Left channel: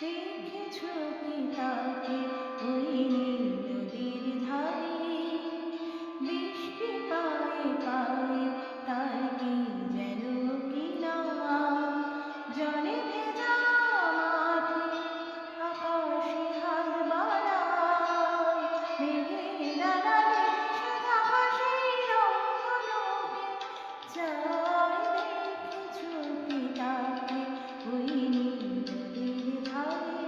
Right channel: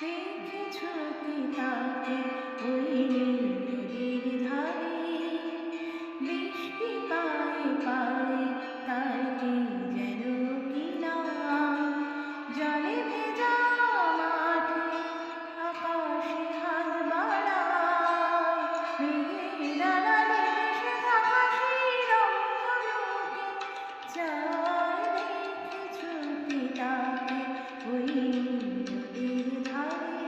দেখেছো কি তাকে ওই নীল নদীর ধারে, বৃষ্টি পায়ে পায়ে তার কি যেন কি নাম, জলে ভেজা মাঠে আকাশে হাত বাড়ায়, মেঘের আড়ালে ভেসে থাকা সেই রংধনুকে চায়। দেখেছো কি তাকে ওই নীল নদীর ধারে,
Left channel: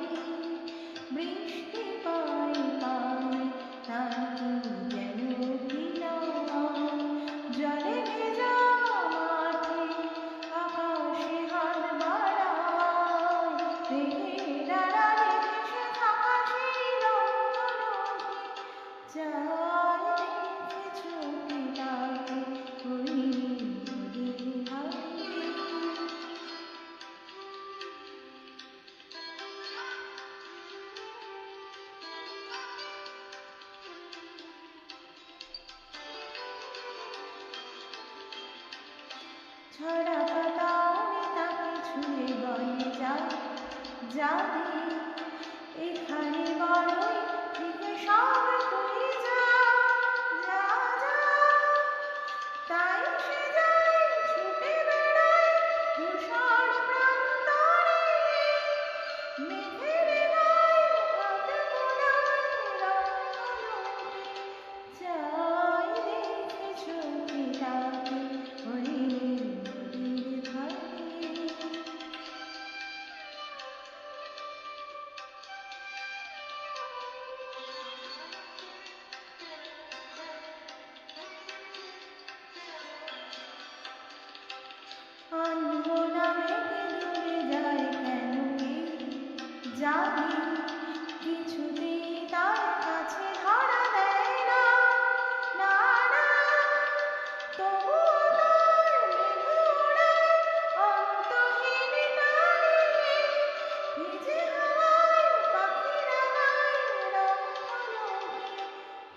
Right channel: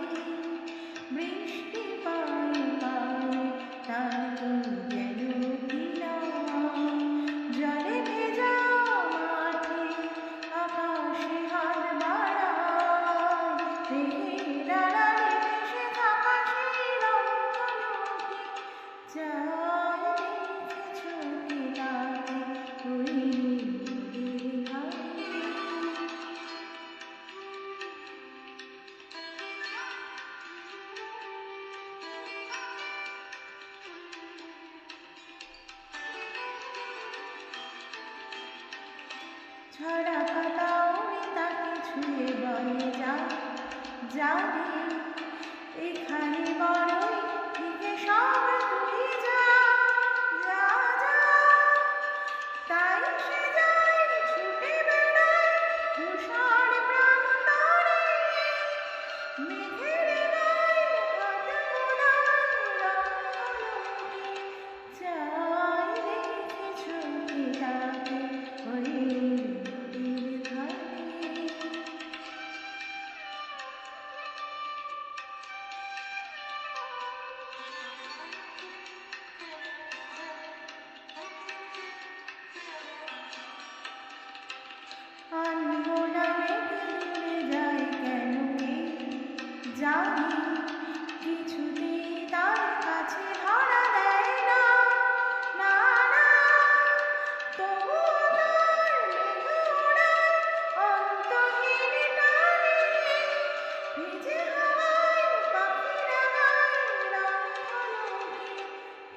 বৃষ্টি পায়ে পায়ে তার কি যেন কি নাম, জলে ভেজা মাঠে আকাশে হাত বাড়ায়, মেঘের আড়ালে ভেসে থাকা সেই রংধনুকে চায়। দেখেছো কি তাকে ওই নদীর ধারে। ঝরা পাতা উড়ে তাকে ছুঁয়ে বলে যা যাবে, এখানে বড়ই থেকে সব তুই যা যা যা। তাই সে যায় ছুটে বেড়ায় ধূসর প্রান্তরে, মেঘের গায়ে হাত বোলায় রংধনুকে চায়। দেখেছো কি তাকে ওই নদীর ধারে। আনমনা মেঘে দূরে যায় কেন কে জানি, কিছুতেই তার কাছে ধরা দেয় না না না। তবুও তার মেঘ ওড়ায় অন্তহীন টানে, ভিজে হাওয়ায় পাখিরা গায় রংধনুকে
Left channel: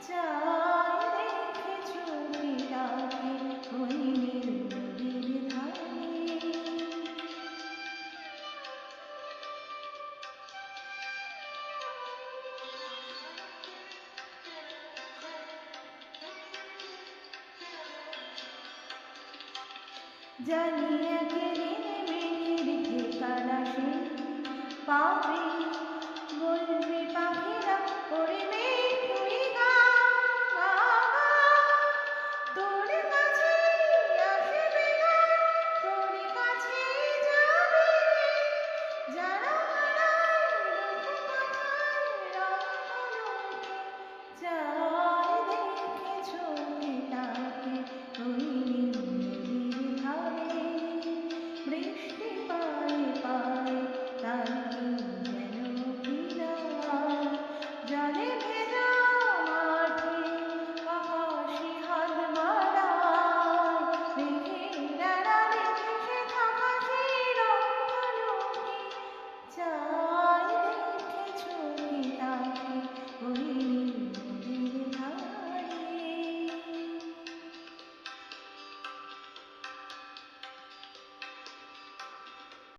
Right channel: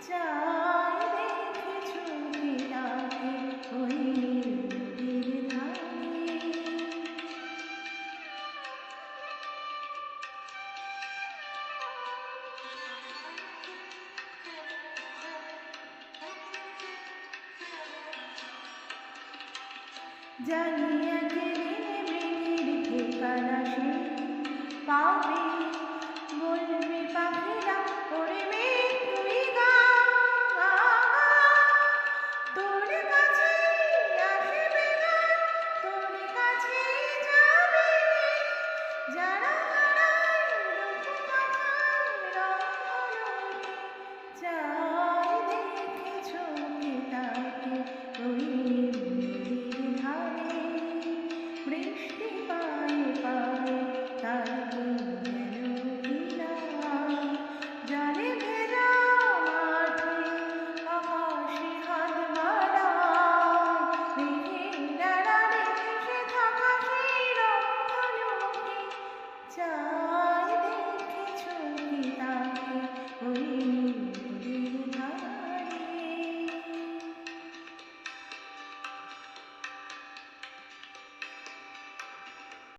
চায়। দেখেছো কি তাকে ওই নীল নদীর ধারে। জানি একদিন মেঘের ঠিকানা সে পাবে, বলবে পাখিরা ওরে মেঘ তুই গা গা গা। তোর কাছে আসবে গান, তোর কাছে যাবে, যারা হারায় রূপ কথায় রংধনুকে চায়। দেখেছো কি তাকে ওই নীল নদীর ধারে, বৃষ্টি পায়ে পায়ে তার কি যেন কি নাম, জলে ভেজা মাঠে আকাশে হাত বাড়ায়, মেঘের আড়ালে ভেসে থাকা সেই রংধনুকে চায়। দেখেছো কি তাকে ওই